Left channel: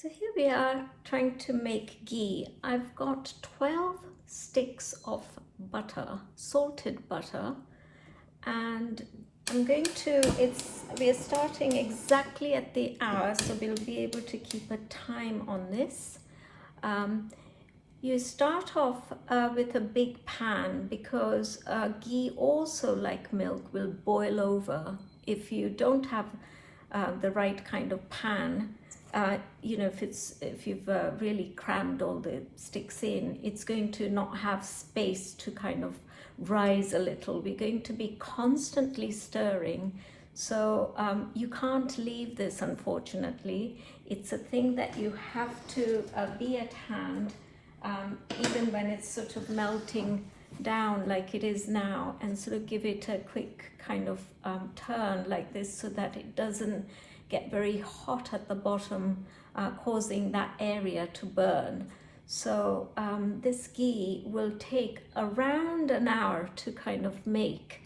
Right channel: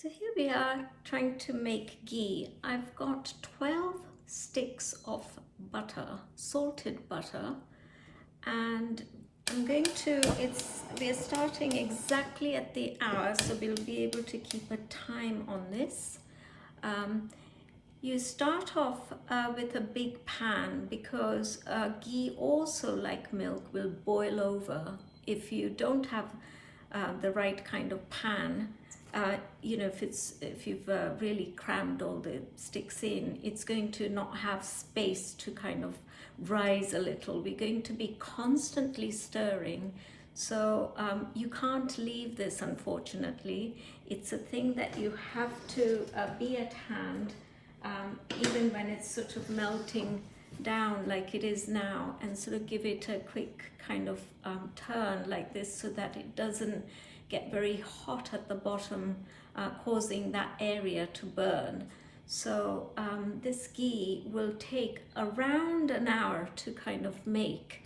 So here we are trying to make ghee. I've got 12 sticks of butter, salted butter, and I'm going to, we are starting exactly at the hour, so we'll be able to keep a time on this. You start off with a big pan because ghee, also like milk, will boil over if you don't have the right kind of pan. If you've really crammed all the sticks in, it's going to not have space to kind of rise a little. We're going to be constantly stirring, so you can't leave this, unfortunately. It's a thing that you have to be at hand, even when it's sort of melting down like it is now, and sort of give it a quick kind of turn like this so that it doesn't get very hot at the bottom, causing that area to burn. So this ghee will take around an hour to kind of make,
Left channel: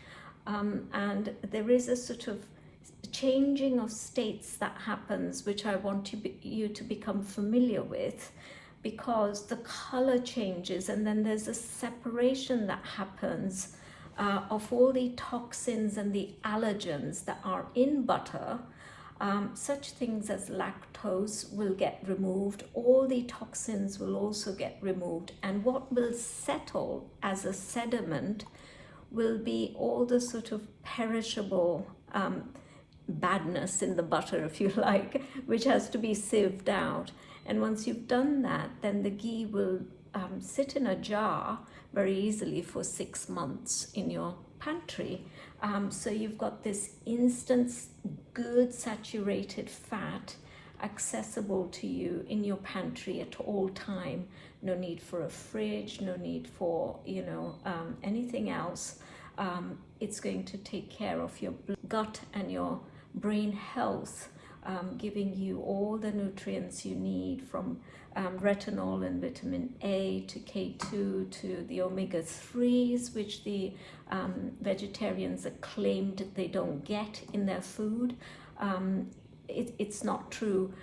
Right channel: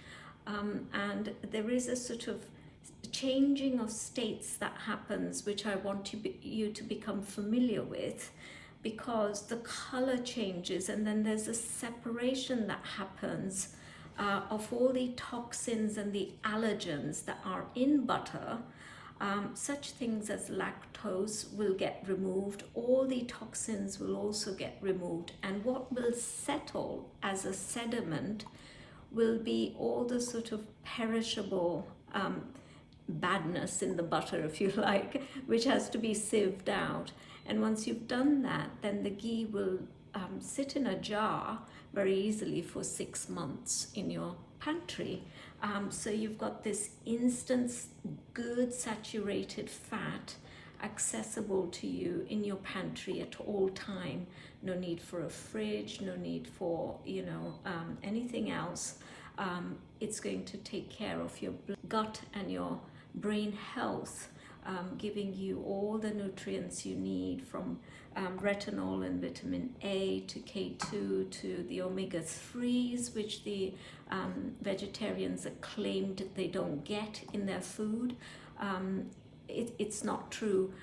and there is a sort of changing of states that happens, which I want you to become familiar with, because the color changes, and then there's a separation that happens of all the toxins and the allergens that are in butter. Such things as lactose will get removed, all the toxins will also get removed, and what will settle as a sediment will be all the sort of perishable badness in the butter, if you like, which has to be sieved out. And once you've done that, then the ghee will sit in a jar very easily for 6 months in your pantry. So you've got this instant, good saturated fat accessible to you in your pantry at all time. No need for a fridge, no need for anything else. It's going to take care of your gut and your brain health, giving you all the nutrients you need, from retinol and vitamin A to K2 to the omega-3s, which the vegetarians are claimed they don't get in their food. It's not true.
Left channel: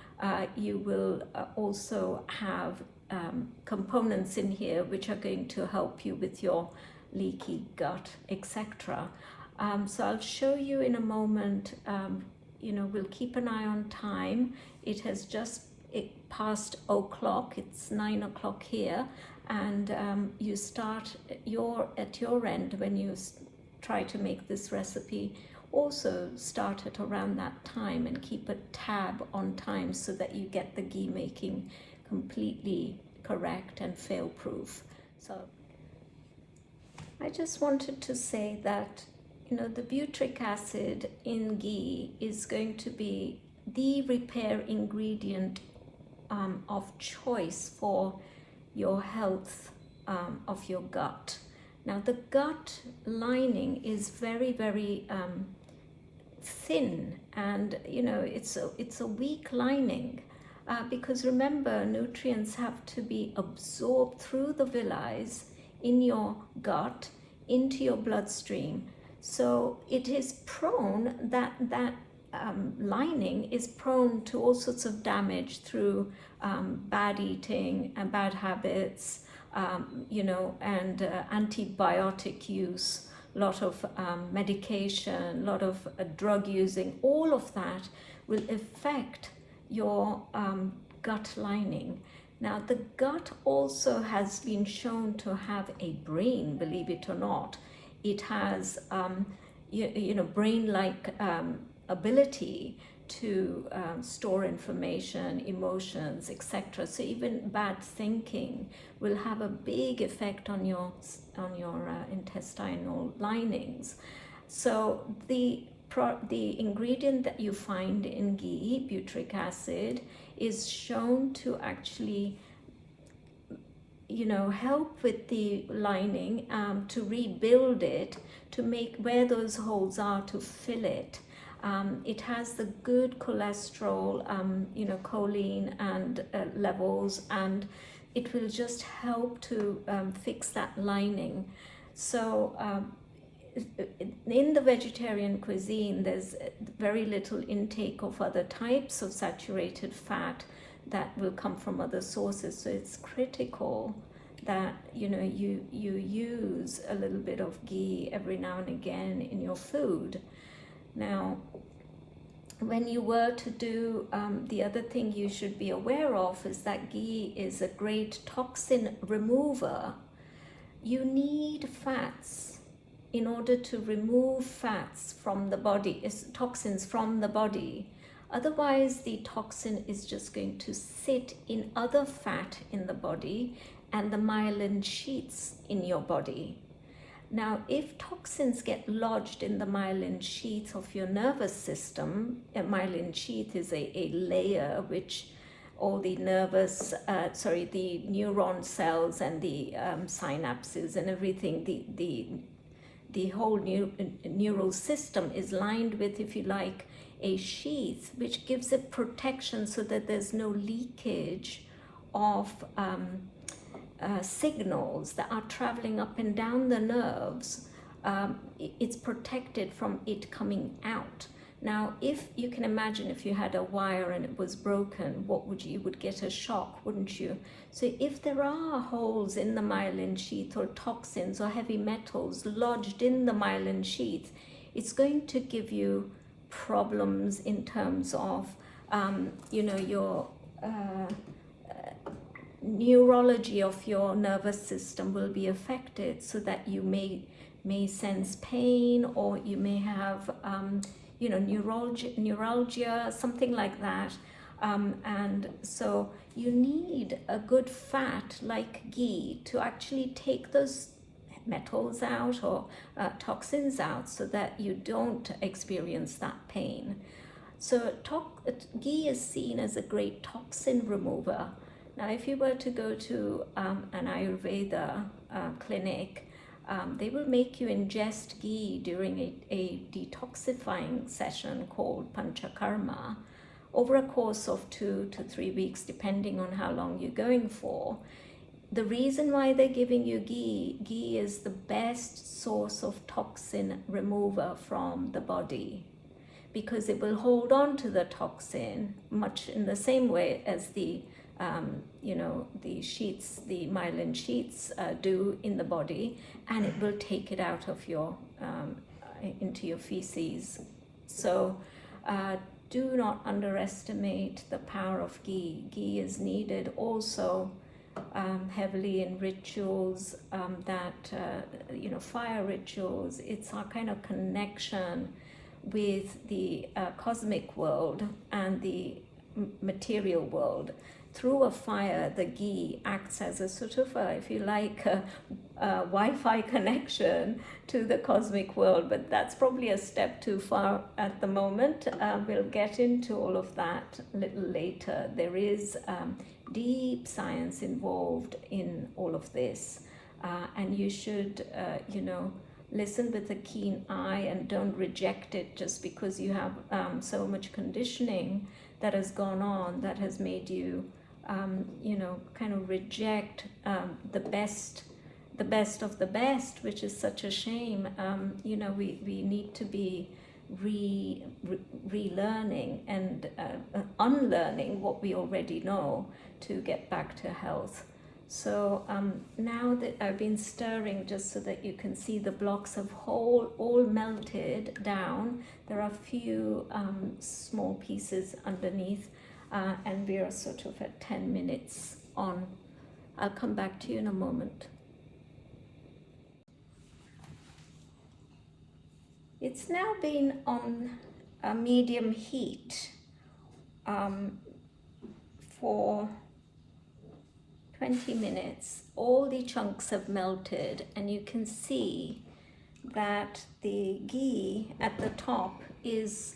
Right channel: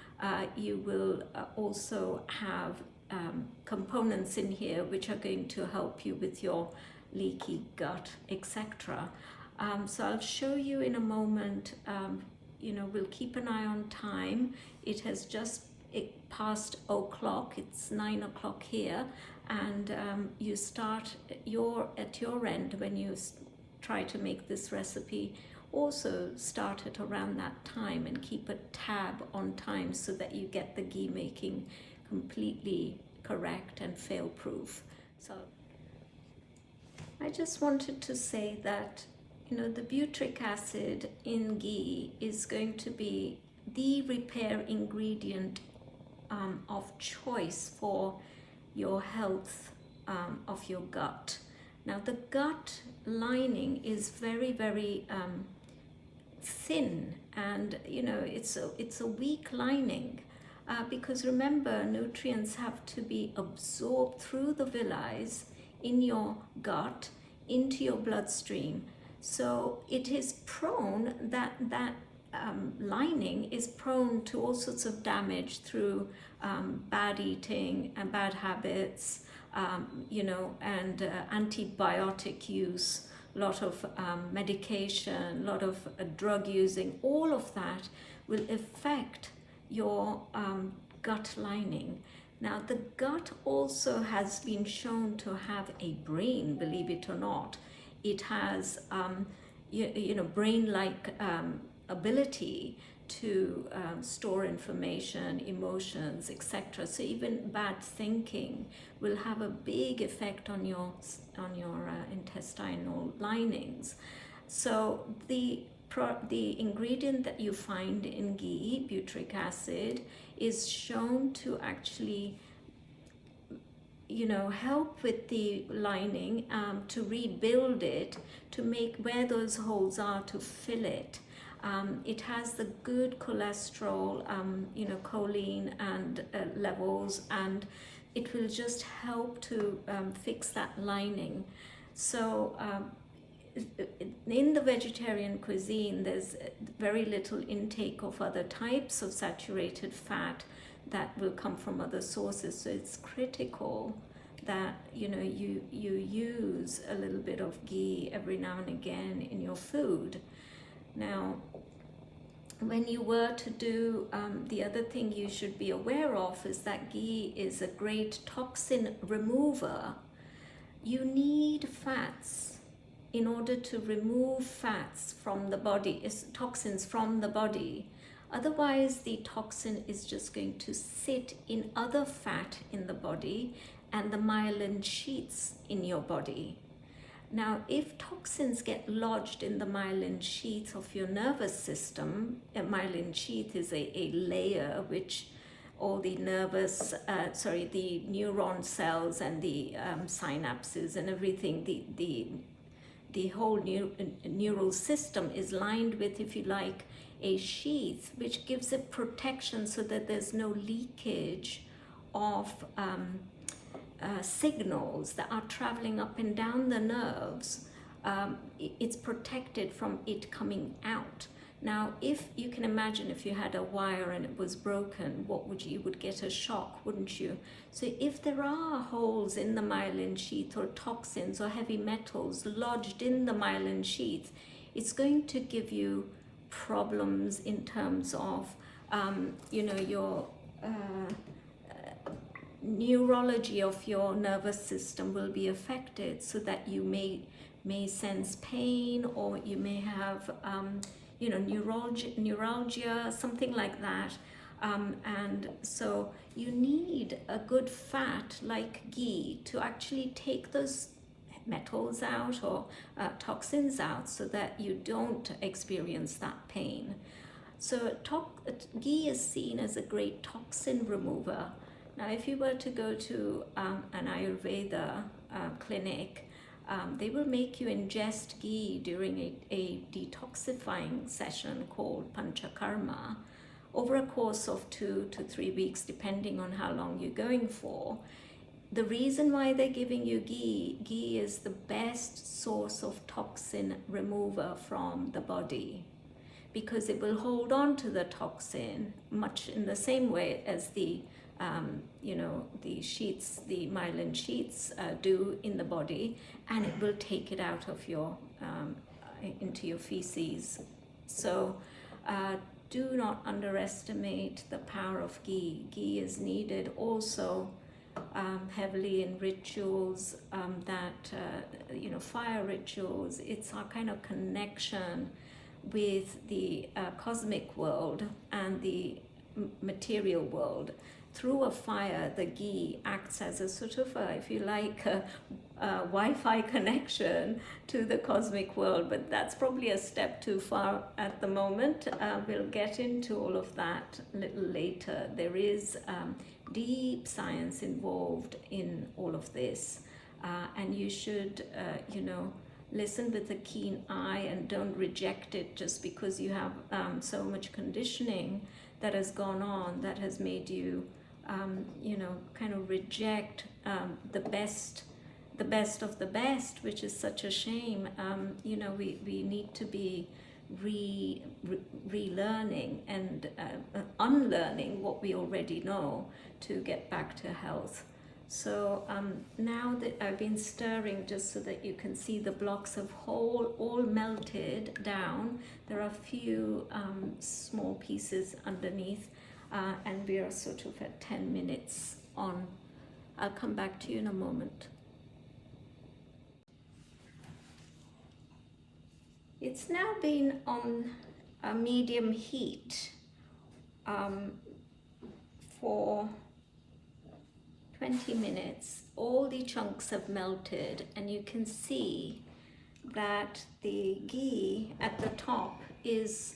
You will also have components in here which are going to help you with your leaky gut, etc. So I'll show you in a moment. We'll keep an eye on time. It has just passed 0:00. It's 9:00 here, and you start at your end when you try to make this recipe. Also start at around that time and keep a tab on time so that you get the ghee making completely correct and fail-proof. So I just wanted to say that the butyric acid in ghee is going to be the repair ingredient of choice for your health of your gut. Now, the gut lining is very, very thin, and it's a weak lining, because remember, nutrients have to be absorbed through the villi in your gut into your bloodstream. So it is prone, that lining is prone to all sorts of damage through bad eating and bad habits, and antibiotic use, a lot of medication, a lot of drug using. All of that will affect your gut lining. Now, the gut also has been shown to have a brain, believe it or not. It has, brain-like ability to store information, emotions, etc. So even bad thinking will have a big effect on your intestinal linings. So the ingredient that you find in ghee, butyric acid, is shown to actually help with the lining, to rebuild it, to make where those holes are, to fill it. It has the good cholesterol, choline and levels, and it will just help to fix that lining. So in the vegetarian cuisine, there's very little intake of other types of saturated fat. that will come from other sources. So it's critical that you use a little bit of ghee every now and again in your food. Now, when you were to do, the other thing you should be aware of is that ghee is a great toxin remover. You need fats in order to remove fats from the body, toxins from the body. Otherwise, the toxin is just going to sit in other fat in the body and the myelin sheaths in your body. Now, if toxins get lodged in the myelin sheath of your nervous system, a myelin sheath is a layer which all the the neuron cells and the synapses and everything, the whole neural system is lined with, if you like, a sheath which gives it protection so that there's no leakage of signals that are traveling up and down the nerves. It's protected from it coming out. Now, if you can imagine, if you had a wire and it was broken, you would get a shock, wouldn't you? So if there are holes in the myelin sheath, or toxins or heavy metals lodged in the myelin sheath, it's going to give you problems in terms of your neurology of your nervous system will be affected, so that you may sense pain, or you may have neuralgia, something like that. And so you need a good fat like ghee to actually take those metals out or toxins out, so that you don't experience that pain. So ghee is seen as a great toxin remover. Now, if you were to go to an Ayurveda clinic, they will make you ingest ghee during a detoxifying session called panchakarma over a course of 2 to 3 weeks, depending on how long you're going for. The reason why they're giving you ghee is the best source of toxin remover from the body, because it will hold on to the toxin much in the same way as the sheaths, the myelin sheaths do in the body, and it will take it out of your into your feces. So do not underestimate the power of ghee. Ghee is needed also heavily in rituals, fire rituals. It's our kind of connection with the cosmic world and the material world. Through a fire, the ghee acts as a sort of if you like, a Wi-Fi connection to the cosmic world, but that's probably a step too far at the moment. We'll get into all of that a little later. There is deep science involved in all of this, and you should, listen with a keen eye and don't reject it just because you have so much conditioning that has gone on that has made you kind of reject the best of the best, which is such a shame. We need to be relearning and unlearning what we already know to get back to health. So now that I've been stirring, just so that you can see the blocks of all melted down, there are a few small pieces underneath, and we are sort of at 10 minutes on. I'll come back to you in a moment. It's now been on a medium heat for 20 minutes. All the chunks have melted, and you can see that the ghee at the top is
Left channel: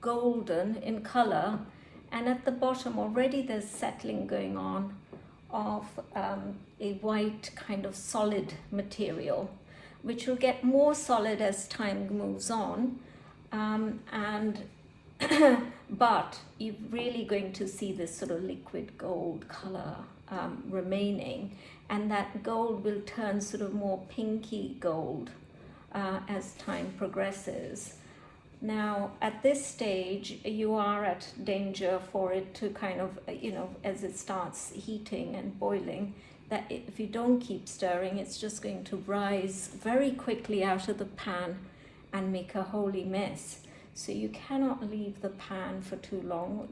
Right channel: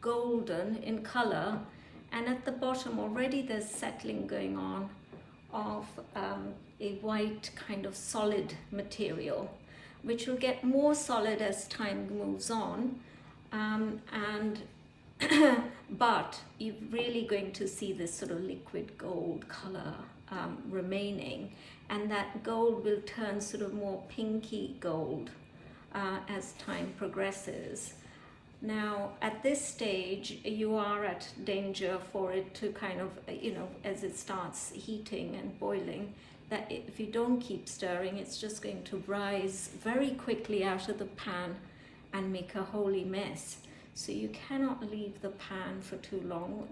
golden in color, and at the bottom already there's settling going on of a white kind of solid material, which will get more solid as time moves on, but you're really going to see this sort of liquid gold color remaining, and that gold will turn sort of more pinky gold as time progresses. Now, at this stage, you are at danger for it to kind of, as it starts heating and boiling, that if you don't keep stirring, it's just going to rise very quickly out of the pan and make a holy mess. So you cannot leave the pan for too long,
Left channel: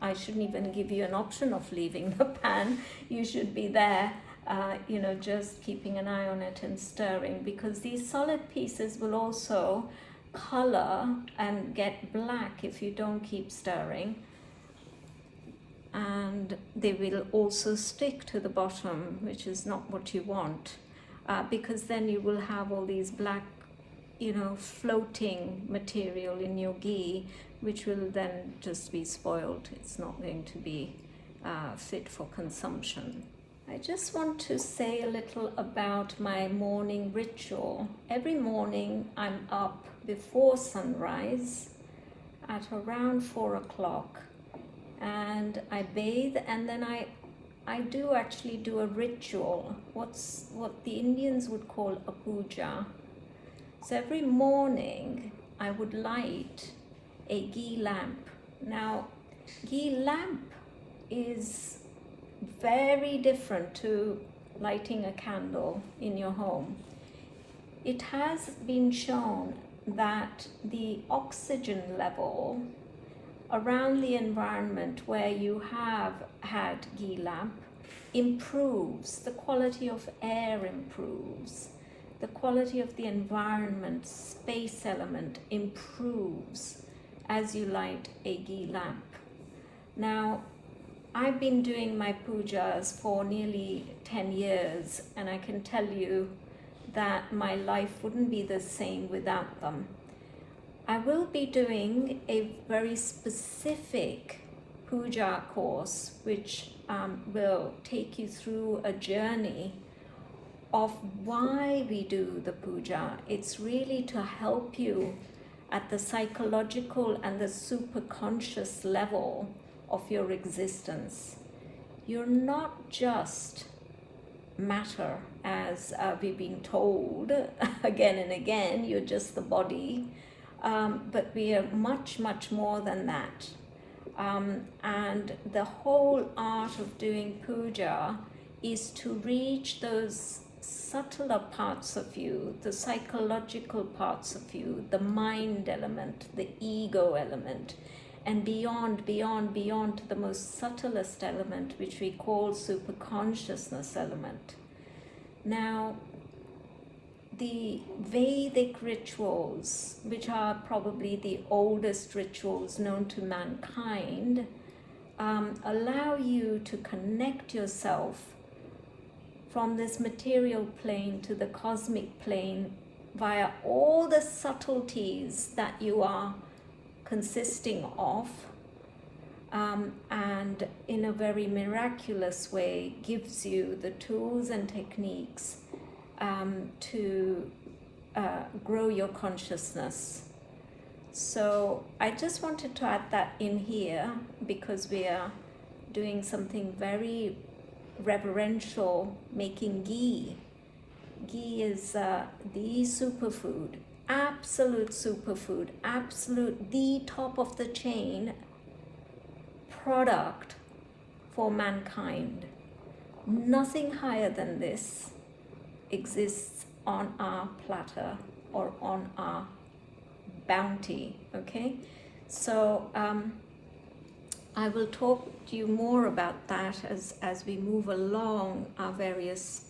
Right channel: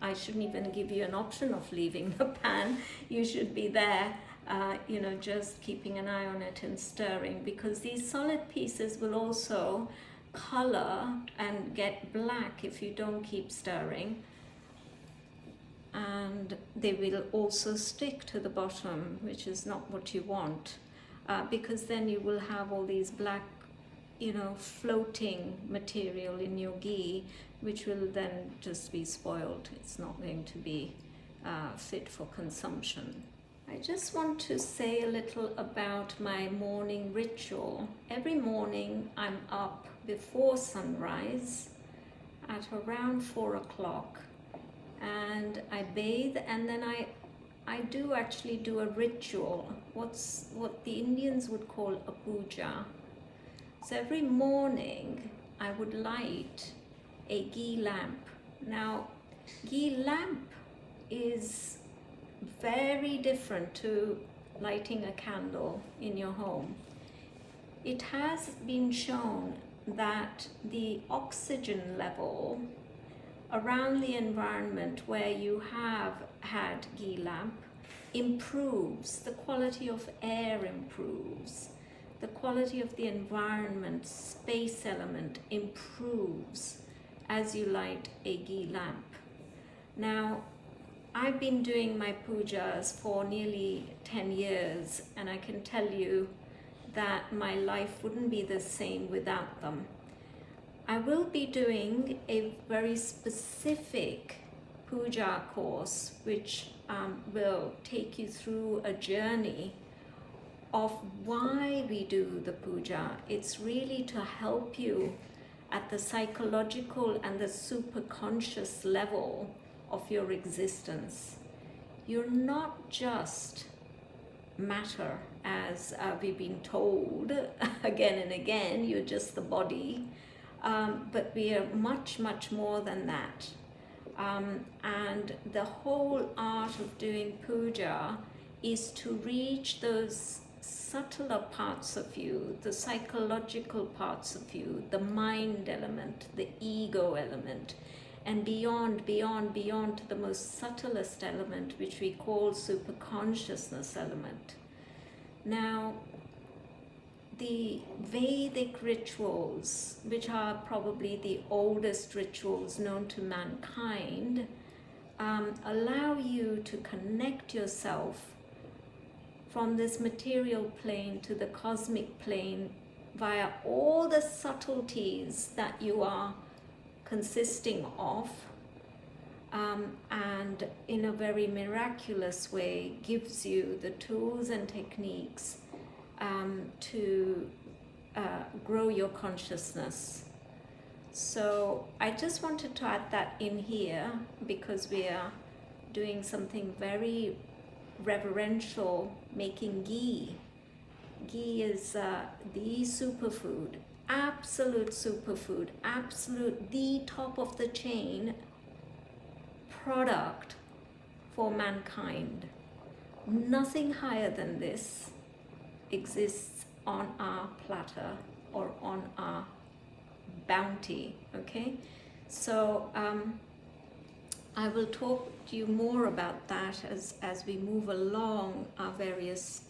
I shouldn't even give you an option of leaving the pan. You should be there, just keeping an eye on it and stirring, because these solid pieces will also color and get black if you don't keep stirring, and they will also stick to the bottom, which is not what you want, because then you will have all these black floating material in your ghee, which will then just be spoiled. It's not going to be fit for consumption. I just want to say a little about my morning ritual. Every morning I'm up before sunrise at around 4 o'clock, and I bathe, and then I do actually do a ritual, what the Indians would call a puja. So every morning I would light a ghee lamp. Now, ghee lamp is very different to lighting a candle in your home. It has been shown that the oxygen level around the environment where you have had ghee lamp improves, the quality of air improves, the quality of the environment, space element improves as you light a ghee lamp. Now, I've been doing my pujas for nearly 10 years, and I can tell you that my life wouldn't be the same without them. I will be doing a very specific puja course, which will take you through a journey of why we do the puja. It's really to help you at the psychological and the superconscious level of your existence. You're not just matter, as we've been told again and again. You're just the body, but we are much, much more than that. And the whole art of doing puja is to reach those subtler parts of you, the psychological parts of you, the mind element, the ego element, and beyond to the most subtlest element, which we call superconsciousness element. Now, the Vedic rituals, which are probably the oldest rituals known to mankind, allow you to connect yourself from this material plane to the cosmic plane via all the subtleties that you are consisting of, and in a very miraculous way gives you the tools and techniques to grow your consciousness. So I just wanted to add that in here, because we are doing something very reverential, making ghee. Ghee is the superfood, absolute superfood, absolute the top of the chain product for mankind. Nothing higher than this exists on our platter or on our bounty. Okay, so I will talk to you more about that as we move along our various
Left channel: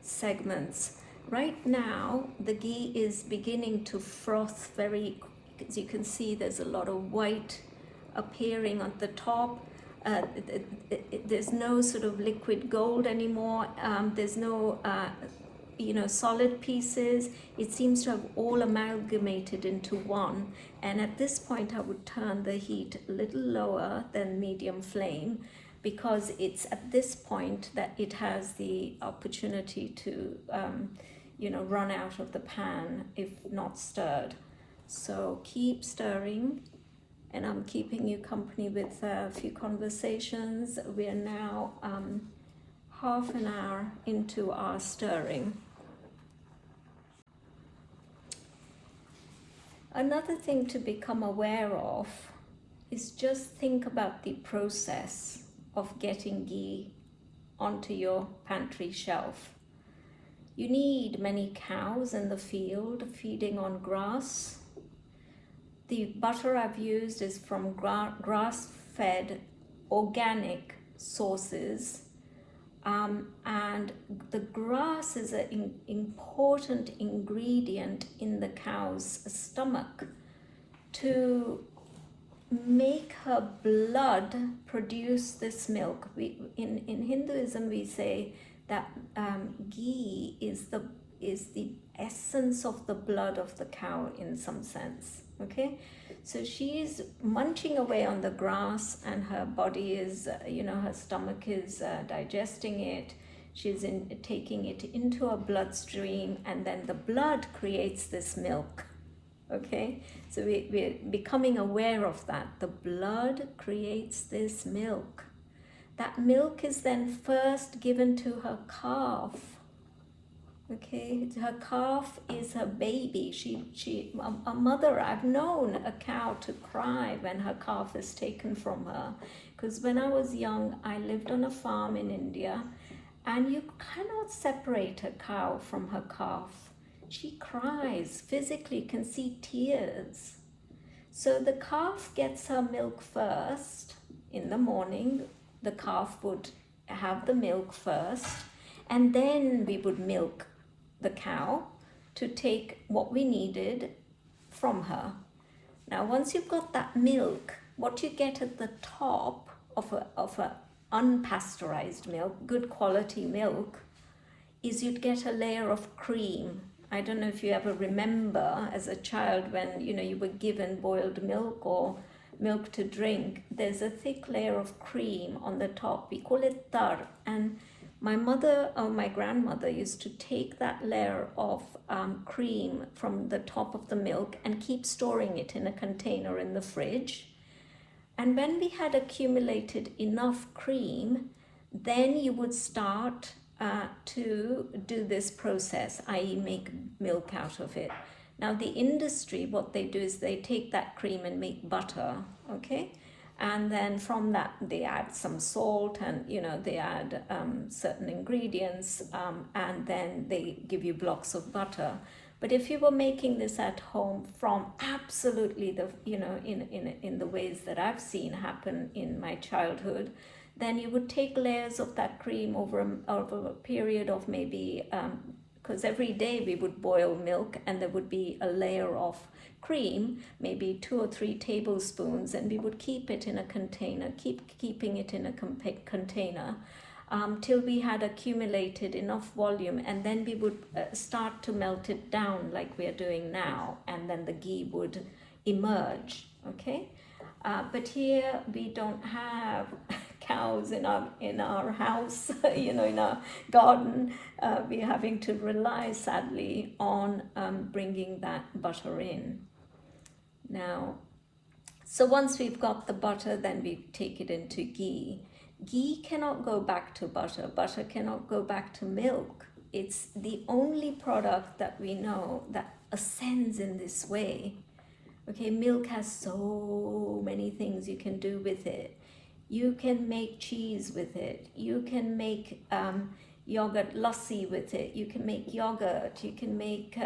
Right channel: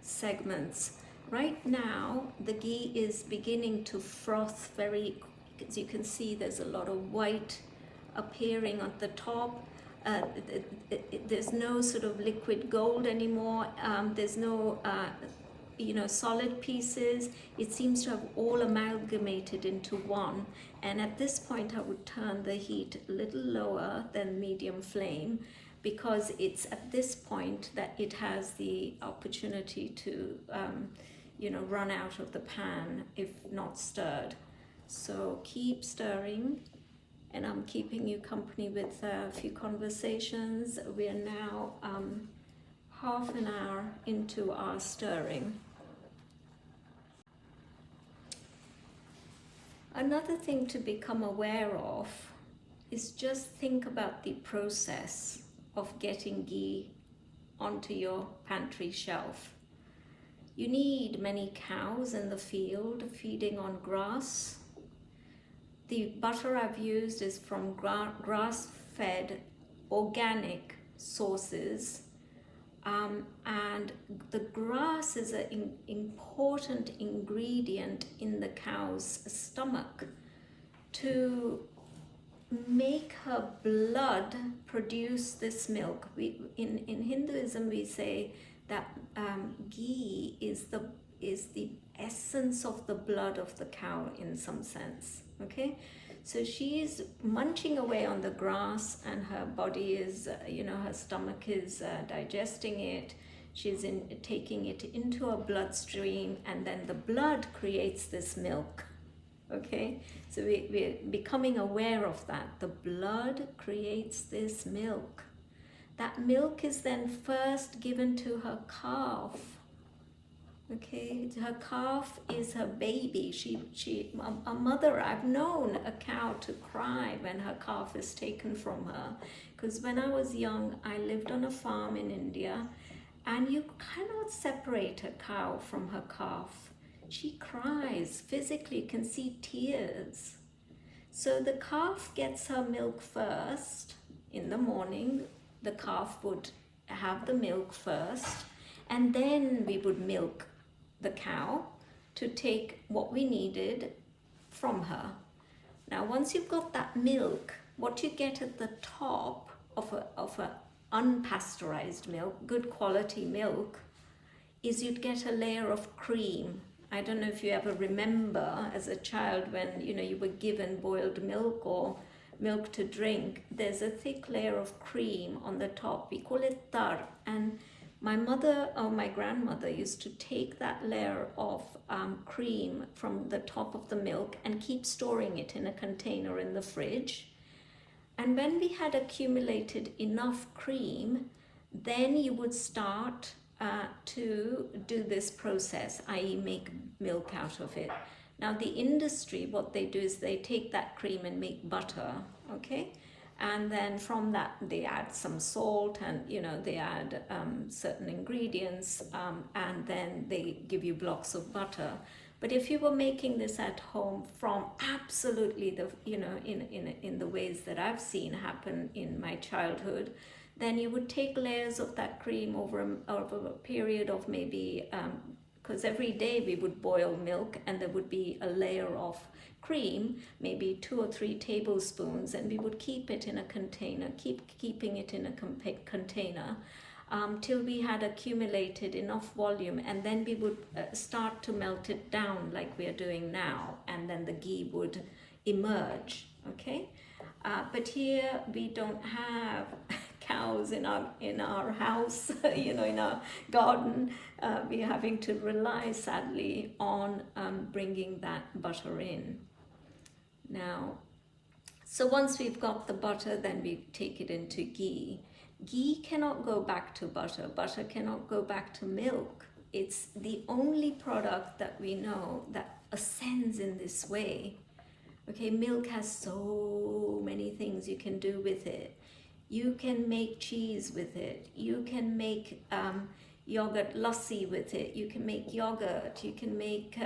segments. Right now, the ghee is beginning to froth as you can see, there's a lot of white appearing at the top. There's no sort of liquid gold anymore. There's no solid pieces. It seems to have all amalgamated into one. And at this point, I would turn the heat a little lower than medium flame, because it's at this point that it has the opportunity to run out of the pan if not stirred. So keep stirring, and I'm keeping you company with a few conversations. We are now half an hour into our stirring. Another thing to become aware of is just think about the process of getting ghee onto your pantry shelf. You need many cows in the field feeding on grass. The butter I've used is from grass-fed organic sources, and the grass is an important ingredient in the cow's stomach to make her blood produce this milk. In Hinduism we say that ghee is the essence of the blood of the cow in some sense. Okay, so she's munching away on the grass, and her body is, her stomach is digesting it. She's taking it into her bloodstream, and then the blood creates this milk. Okay, so we're becoming aware of that. The blood creates this milk. That milk is then first given to her calf. Okay, her calf is her baby. A mother, I've known a cow to cry when her calf is taken from her. Because when I was young, I lived on a farm in India, and you cannot separate a cow from her calf. She cries, physically can see tears. So the calf gets her milk first. In the morning, the calf would have the milk first, and then we would milk the cow to take what we needed from her. Now, once you've got that milk, what you get at the top of a unpasteurized milk, good quality milk, is you'd get a layer of cream. I don't know if you ever remember as a child when you were given boiled milk or milk to drink. There's a thick layer of cream on the top. We call it tar, and my mother or my grandmother used to take that layer of cream from the top of the milk and keep storing it in a container in the fridge. And when we had accumulated enough cream, then you would start to do this process, i.e. make milk out of it. Now the industry, what they do is they take that cream and make butter, okay? And then from that they add some salt, and they add certain ingredients, and then they give you blocks of butter. But if you were making this at home from absolutely in the ways that I've seen happen in my childhood, then you would take layers of that cream over a period of maybe, because every day we would boil milk, and there would be a layer of cream, maybe 2 or 3 tablespoons, and we would keep it in a container, keeping it in a container till we had accumulated enough volume, and then we would start to melt it down like we are doing now, and then the ghee would emerge. Okay, but here we don't have cows in our house, in our garden. We're having to rely, sadly, on bringing that butter in. Now, so once we've got the butter, then we take it into ghee. Ghee cannot go back to butter. Butter cannot go back to milk. It's the only product that we know that ascends in this way. Okay, milk has so many things you can do with it. You can make cheese with it. You can make yogurt lassi with it. You can make yogurt. You can make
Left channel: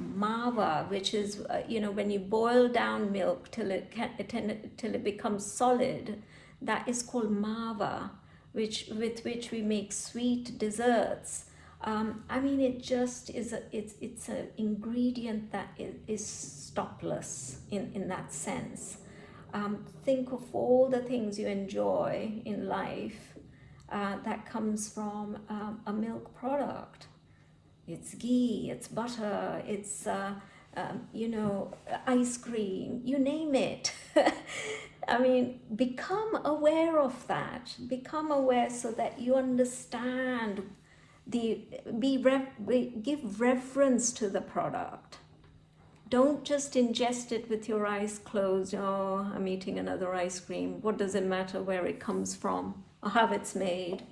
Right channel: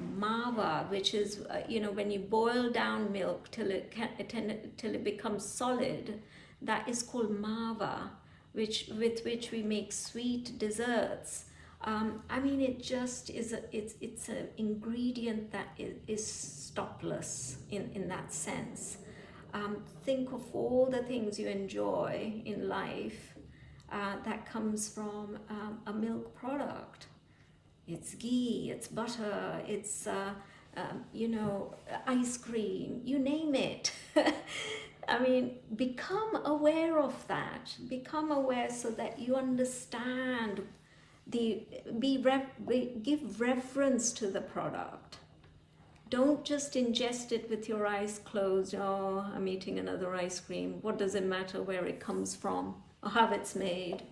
mava, which is when you boil down milk till it becomes solid. That is called mava, with which we make sweet desserts. It just is it's an ingredient that is stopless in that sense. Think of all the things you enjoy in life that comes from a milk product. It's ghee, it's butter, it's ice cream, you name it. Become aware of that. Become aware so that you understand give reverence to the product. Don't just ingest it with your eyes closed. Oh, I'm eating another ice cream. What does it matter where it comes from, or how it's made,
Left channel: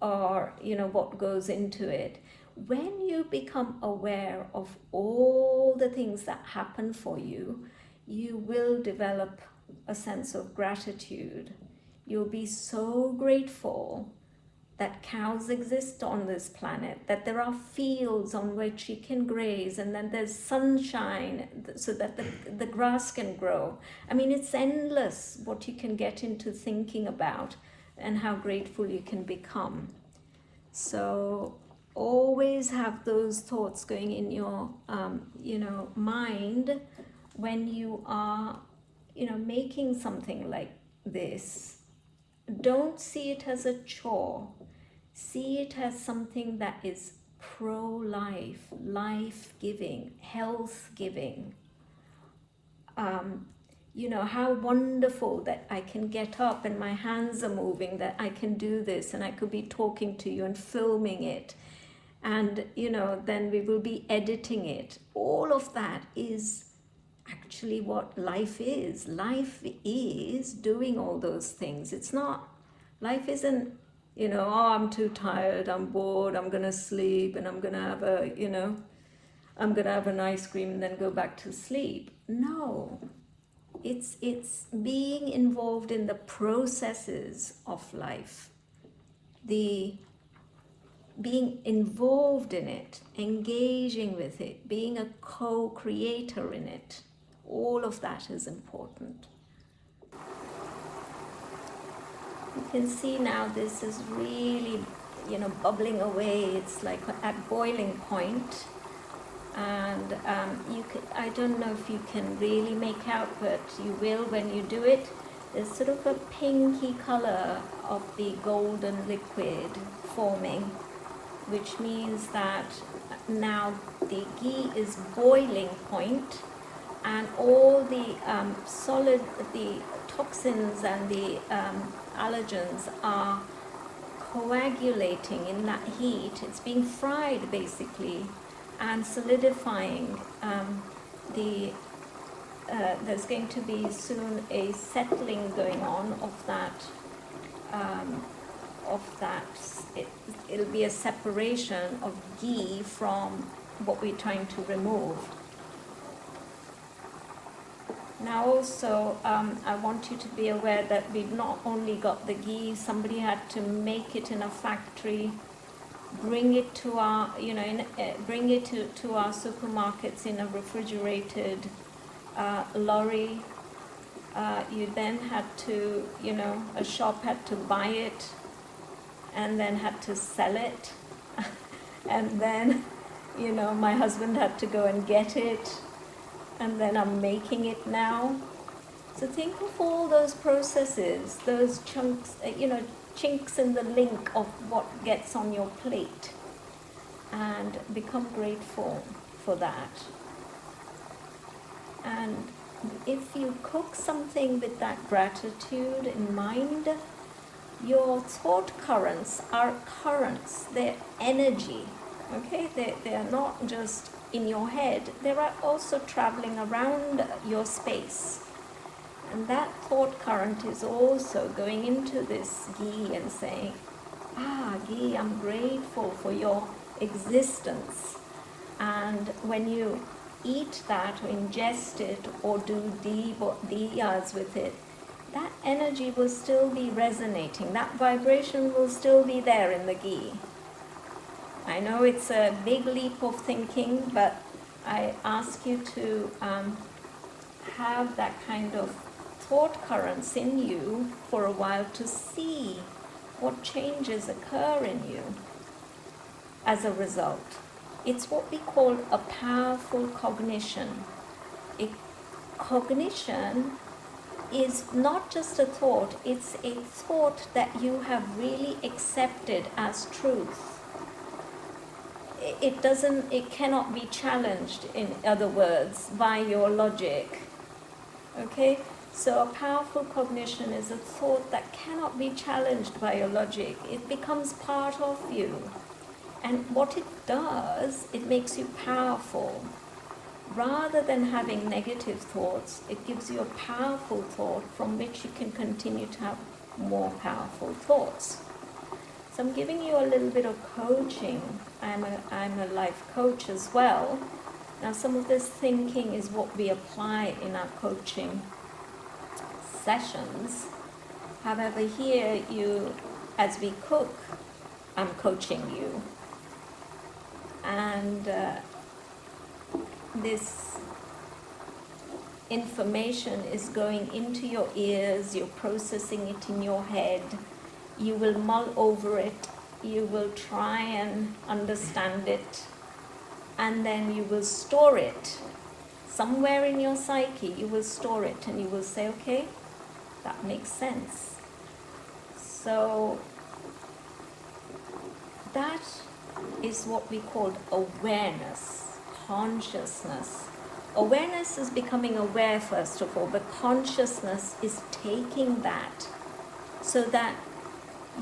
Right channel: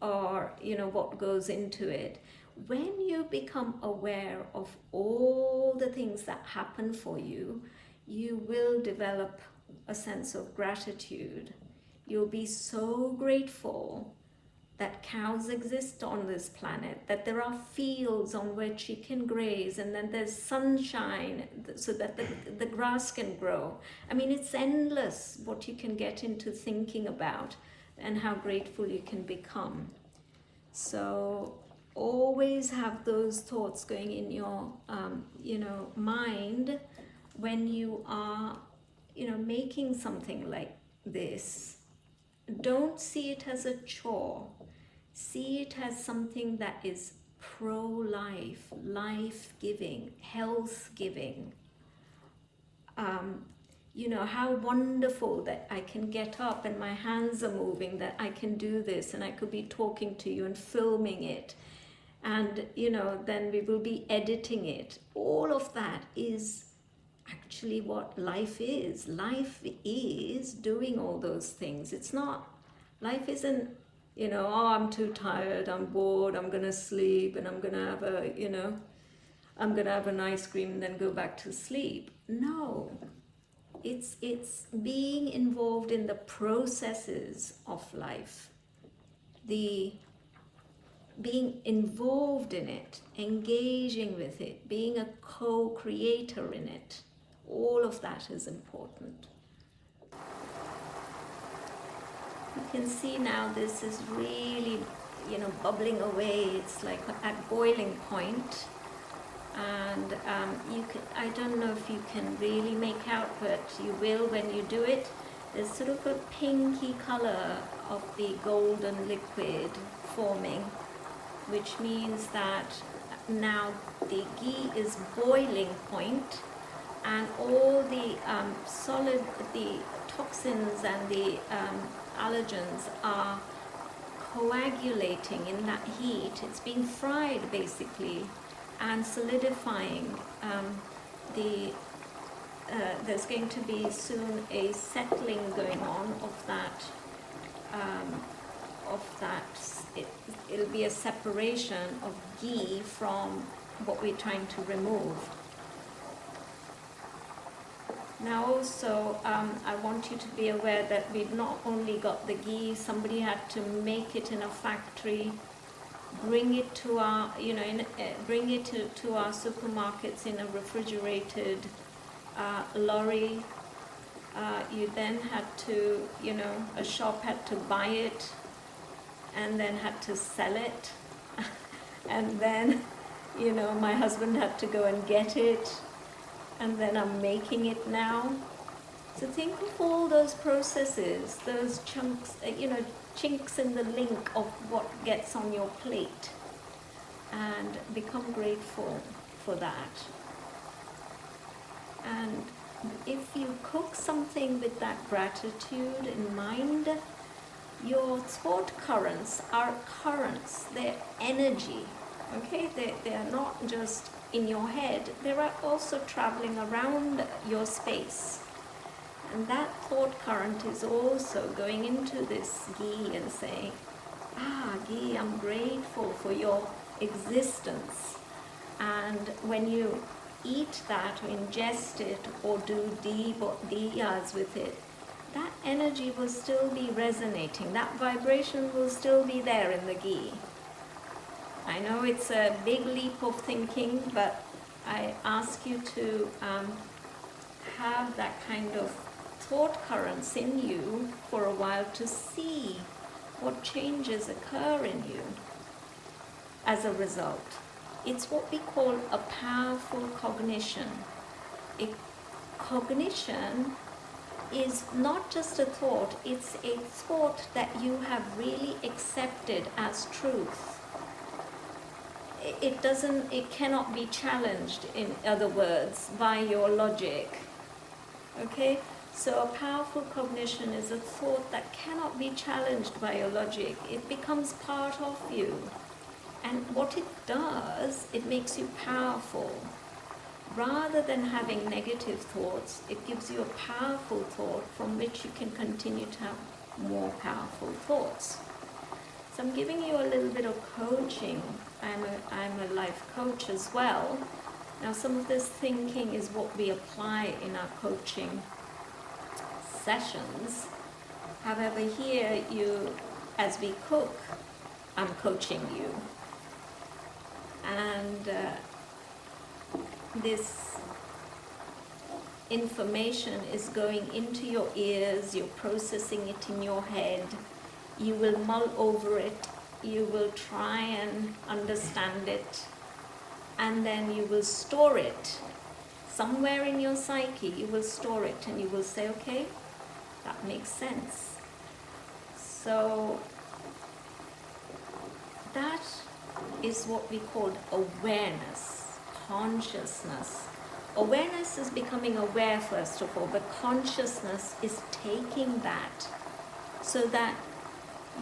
or what goes into it? when you become aware of all the things that happen for you, you will develop a sense of gratitude. You'll be so grateful that cows exist on this planet, that there are fields on which you can graze, and then there's sunshine so that the grass can grow. I mean, it's endless what you can get into thinking about and how grateful you can become. So always have those thoughts going in your mind when you are making something like this. Don't see it as a chore. See it as something that is pro-life, life-giving, health-giving. How wonderful that I can get up and my hands are moving, that I can do this, and I could be talking to you and filming it, and then we will be editing it. All of that is actually what life is. Life is doing all those things. It's not, life isn't, oh, I'm too tired, I'm bored, I'm gonna sleep, and I'm gonna have I'm gonna have an ice cream and then go back to sleep. No, it's being involved in the processes of life, being involved in it, engaging with it, being a co-creator in it. All of that is important. You can see now this is really, bubbling away. It's like at boiling point. And I don't know if you can really make out, but you will when you do it. There's sort of a pinky color of the golden liquid forming, which means that now the ghee is boiling point, and all the the toxins and the allergens are coagulating in that heat. It's being fried basically, and solidifying. There's going to be soon a settling going on of that. It'll be a separation of ghee from what we're trying to remove. Now also, I want you to be aware that we've not only got the ghee, somebody had to make it in a factory, bring it to our, bring it to our supermarkets in a refrigerated lorry. You then had to, a shop had to buy it and then had to sell it. And then, my husband had to go and get it. And then I'm making it now. So think of all those processes, those chunks, chinks in the link of what gets on your plate, and become grateful for that. And if you cook something with that gratitude in mind, your thought currents are currents, they're energy, okay? They're not just in your head, they are also traveling around your space. And that thought current is also going into this ghee and saying, ghee, I'm grateful for your existence. And when you eat that or ingest it or do diyas with it, that energy will still be resonating. That vibration will still be there in the ghee. I know it's a big leap of thinking, but I ask you to have that kind of thought currents in you for a while to see what changes occur in you as a result. It's what we call a powerful cognition. Cognition is not just a thought, it's a thought that you have really accepted as truth. It cannot be challenged, in other words, by your logic. Okay? So a powerful cognition is a thought that cannot be challenged by your logic. It becomes part of you. And what it does, it makes you powerful. Rather than having negative thoughts, it gives you a powerful thought from which you can continue to have more powerful thoughts. So I'm giving you a little bit of coaching. I'm a life coach as well. Now some of this thinking is what we apply in our coaching sessions. However, here as we cook, I'm coaching you. And this information is going into your ears, you're processing it in your head, you will mull over it, you will try and understand it, and then you will store it. Somewhere in your psyche, you will store it and you will say, okay, that makes sense. So that is what we call awareness, consciousness. Awareness is becoming aware first of all, but consciousness is taking that so that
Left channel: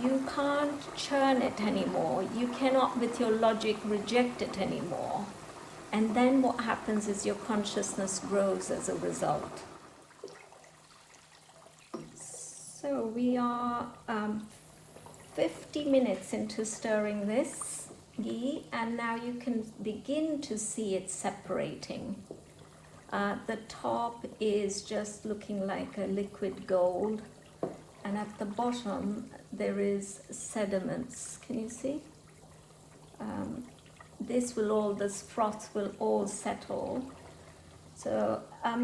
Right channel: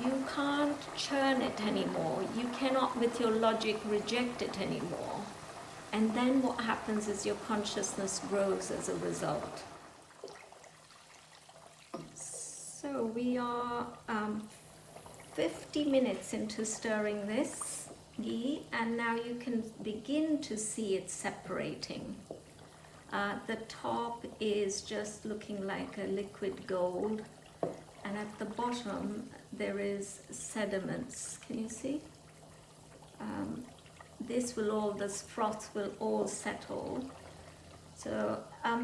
you can't churn it anymore. You cannot with your logic reject it anymore. And then what happens is your consciousness grows as a result. So we are 50 minutes into stirring this ghee, and now you can begin to see it separating. The top is just looking like a liquid gold, and at the bottom there is sediments. Can you see? This froth will all settle. So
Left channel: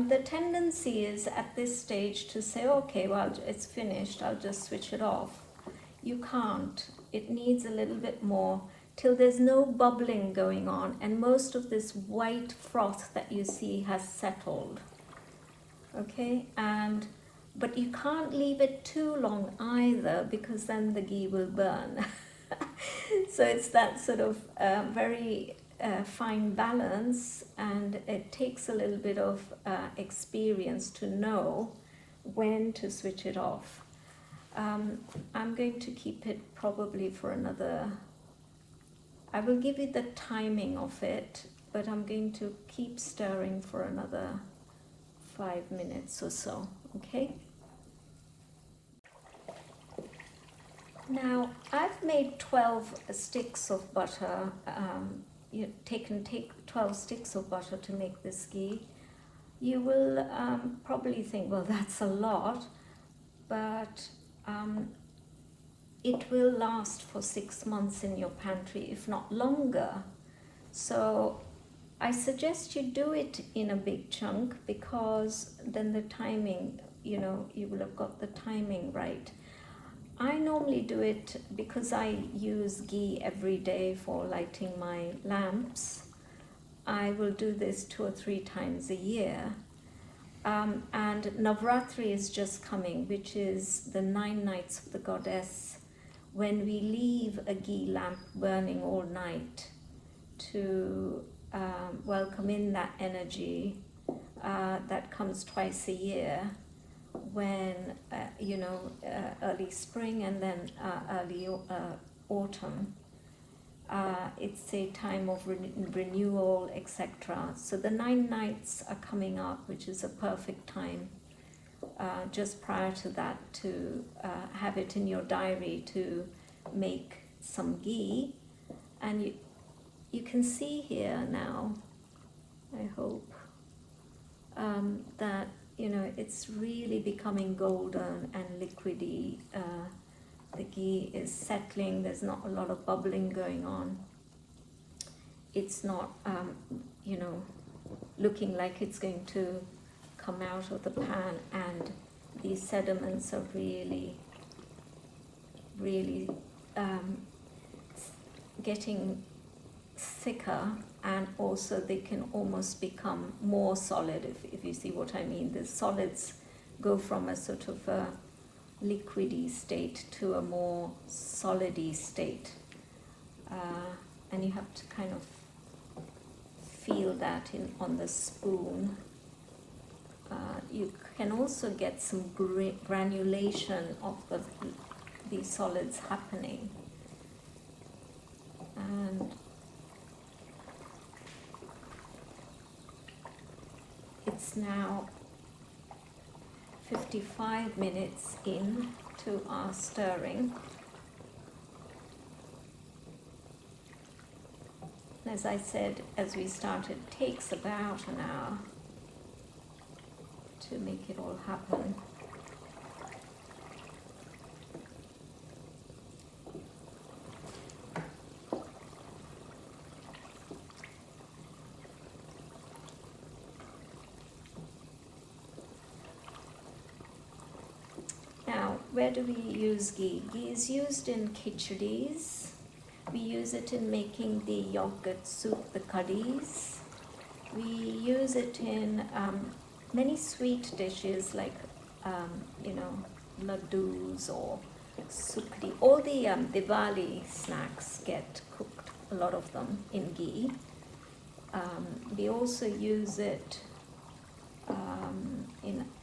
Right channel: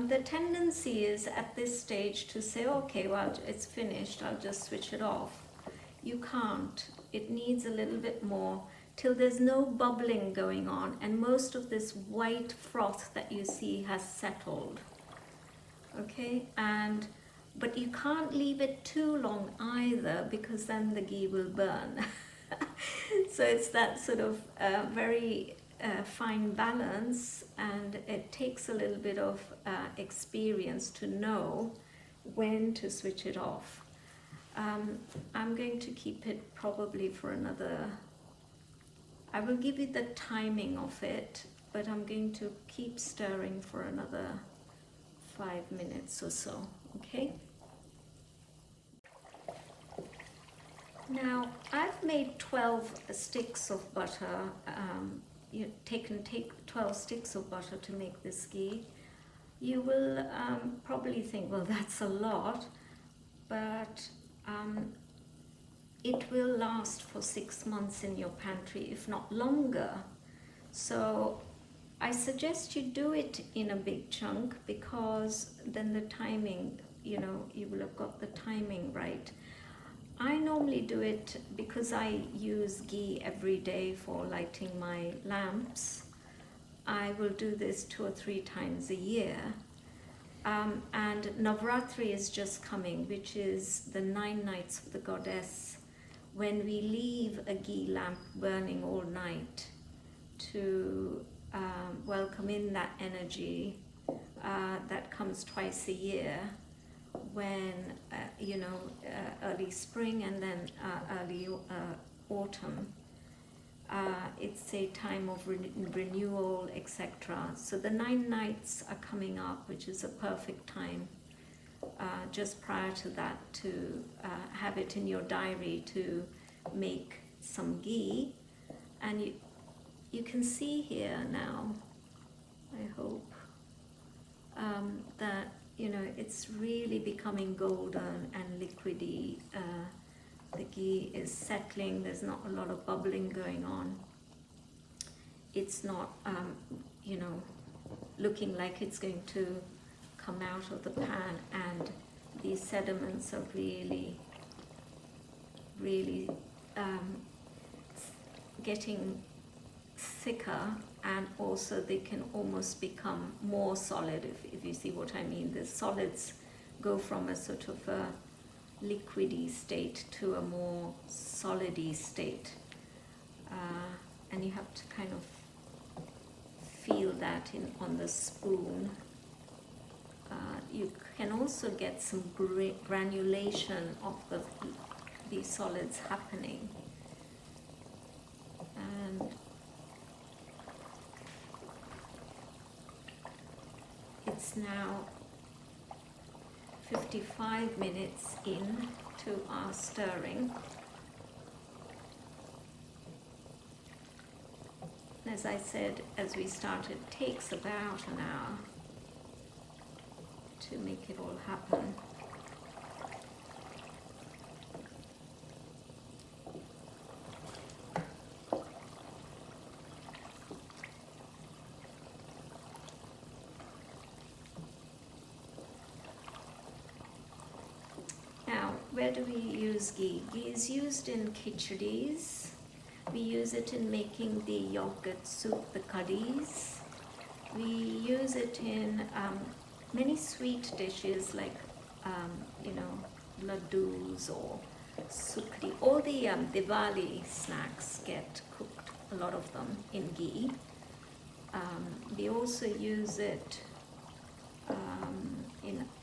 the tendency is at this stage to say, okay, well, it's finished, I'll just switch it off. You can't. It needs a little bit more till there's no bubbling going on, and most of this white froth that you see has settled. Okay, but you can't leave it too long either, because then the ghee will burn. So it's that sort of very fine balance, and it takes a little bit of experience to know when to switch it off. I'm going to keep it probably for another, I will give you the timing of it, but I'm going to keep stirring for another 5 minutes or so, okay? Now, I've made 12 sticks of butter. Take 12 sticks of butter to make this ghee. You will probably think, well, that's a lot, but it will last for 6 months in your pantry, if not longer. So I suggest you do it in a big chunk, because then the timing, you will have got the timing right. I normally do it because I use ghee every day for lighting my lamps. I will do this 2 or 3 times a year. And Navratri is just coming, which is the 9 nights of the goddess, when we leave a ghee lamp burning all night to welcome in that energy that comes twice a year, when early spring and then early autumn. It's a time of renewal, etc. So the 9 nights are coming up, which is a perfect time just prior to that to have it in your diary to make some ghee. And you can see here now, I hope, that it's really becoming golden and liquidy. The ghee is settling, there's not a lot of bubbling going on. It's not, looking like it's going to come out of the pan, and these sediments are really, really getting thicker, and also they can almost become more solid, if you see what I mean. The solids go from a sort of a liquidy state to a more solidy state, and you have to kind of feel that on the spoon. You can also get some granulation of the solids happening, and it's now 55 minutes into our stirring. As I said, as we started, it takes about an hour to make it all happen. Now, where do we use ghee? Ghee is used in khichadis. We use it in making the yogurt soup, the curries. We use it in many sweet dishes like, laddus or supli. All the Diwali snacks get cooked, a lot of them, in ghee. We also use it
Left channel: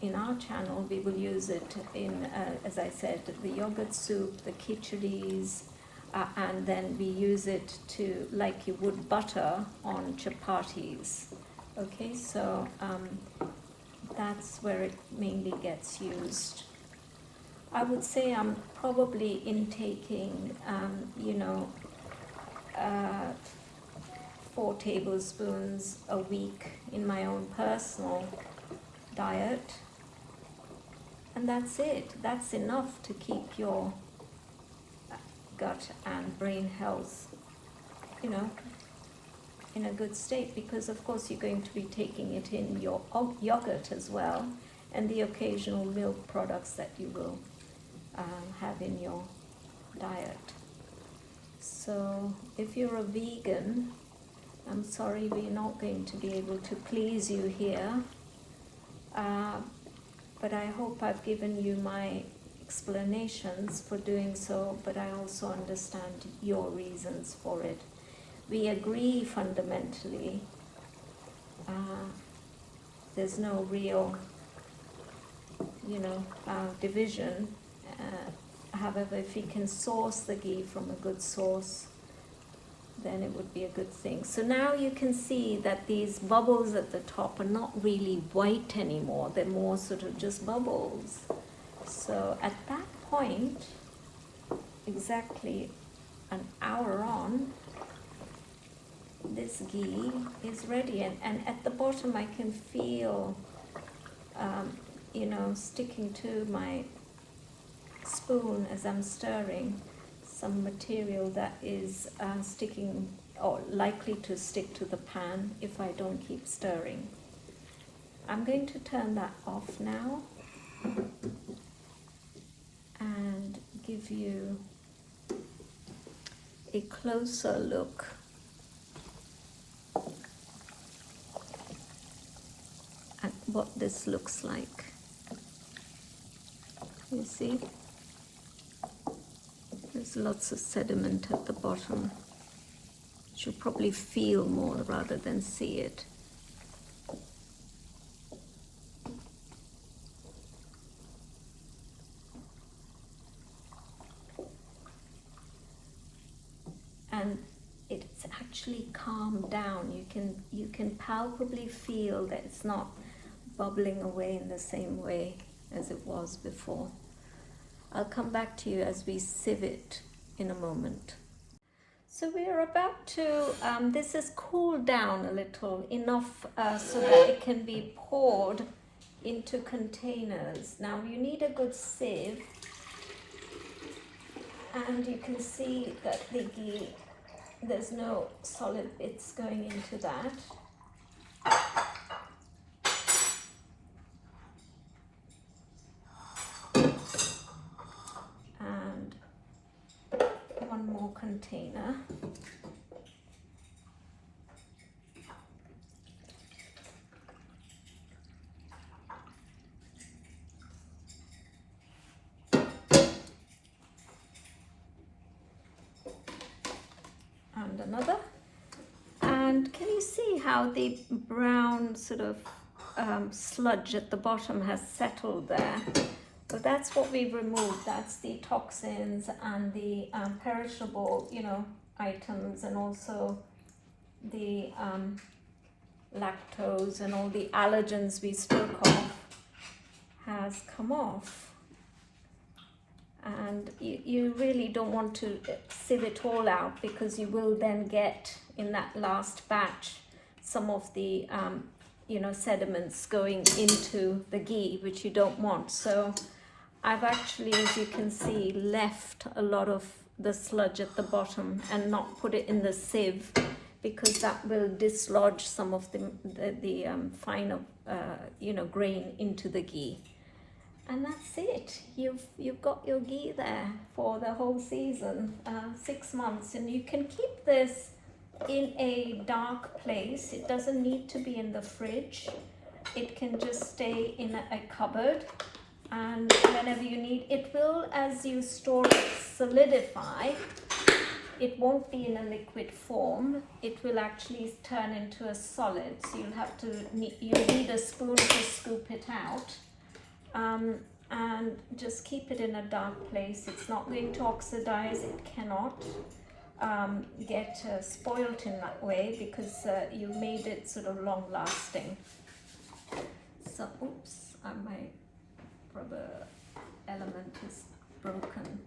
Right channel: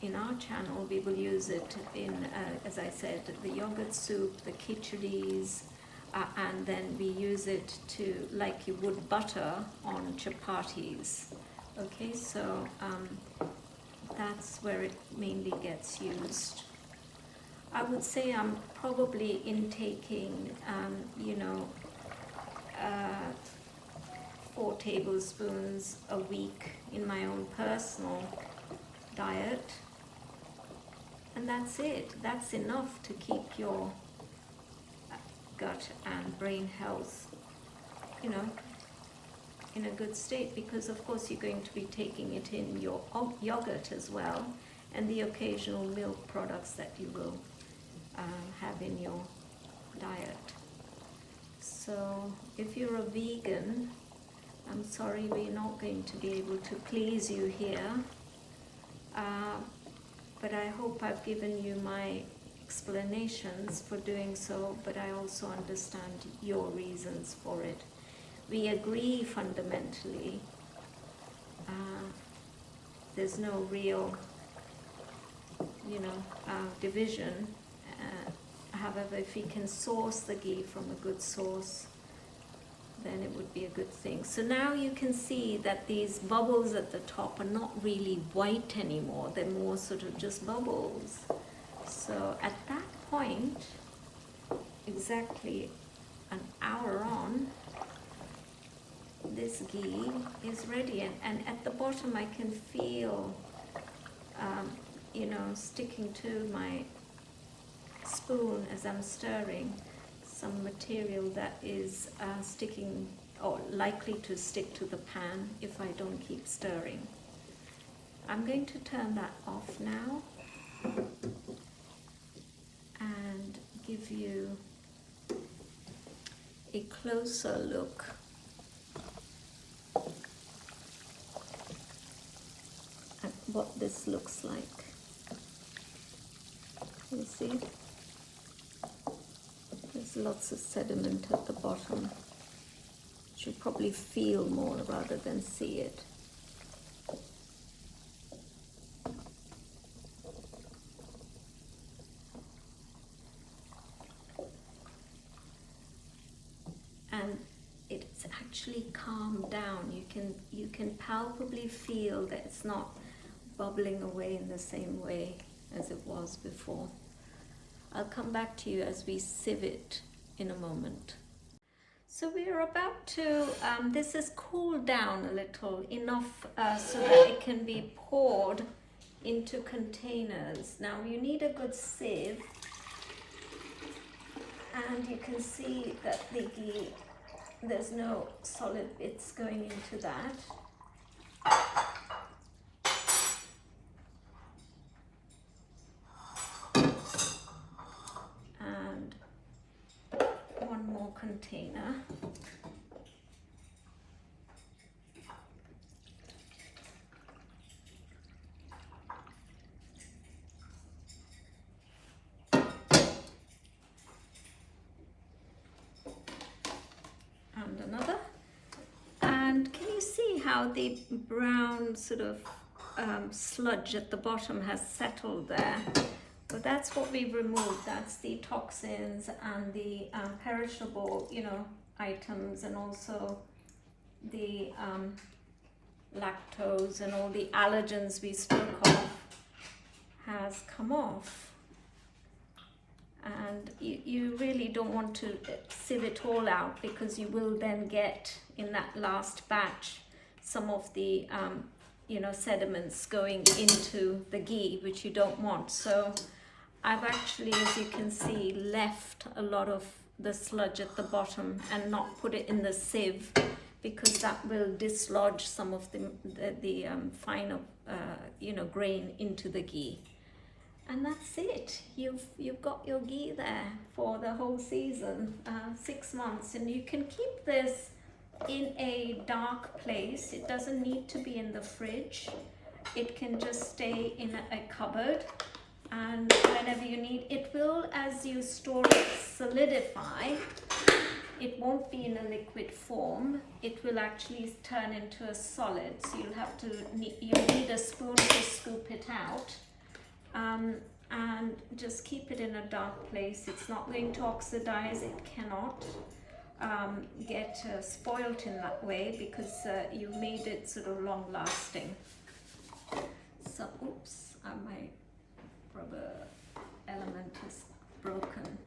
in our channel. We will use it in, as I said, the yogurt soup, the khichadis, and then we use it to, like you would butter on chapatis. Okay, so that's where it mainly gets used. I would say I'm probably intaking, 4 tablespoons a week in my own personal diet. And that's it. That's enough to keep your gut and brain health, in a good state, because of course you're going to be taking it in your yogurt as well, and the occasional milk products that you will have in your diet. So if you're a vegan, I'm sorry we're not going to be able to please you here, but I hope I've given you my explanations for doing so, but I also understand your reasons for it. We agree fundamentally. There's no real, division. However, if we can source the ghee from a good source, then it would be a good thing. So now you can see that these bubbles at the top are not really white anymore. They're more sort of just bubbles. So at that point, exactly an hour on, this ghee is ready. And at the bottom I can feel, sticking to my spoon as I'm stirring, some material that is sticking or likely to stick to the pan if I don't keep stirring. I'm going to turn that off now and give you a closer look at what this looks like. You see? There's lots of sediment at the bottom. You should probably feel more rather than see it. And it's actually calmed down. You can palpably feel that it's not bubbling away in the same way as it was before. I'll come back to you as we sieve it in a moment. So we're about to, this has cooled down a little, enough so that it can be poured into containers. Now you need a good sieve, and you can see that the ghee, there's no solid bits going into that. And one more container. And another. And can you see how the brown sort of sludge at the bottom has settled there? Well, that's what we've removed. That's the toxins and the perishable, items, and also the lactose and all the allergens we spoke of has come off. and you really don't want to sieve it all out, because you will then get in that last batch some of the sediments going into the ghee, which you don't want. So I've actually, as you can see, left a lot of the sludge at the bottom and not put it in the sieve, because that will dislodge some of the finer grain into the ghee. And that's it. You've got your ghee there for the whole season, 6 months, and you can keep this in a dark place. It doesn't need to be in the fridge. It can just stay in a cupboard, and whenever you need it, will, as you store it, solidify. It won't be in a liquid form. It will actually turn into a solid, so you'll need a spoon to scoop it out. And just keep it in a dark place. It's not going to oxidize. It cannot get spoilt in that way, because you made it sort of long lasting. So, oops, my rubber element is broken.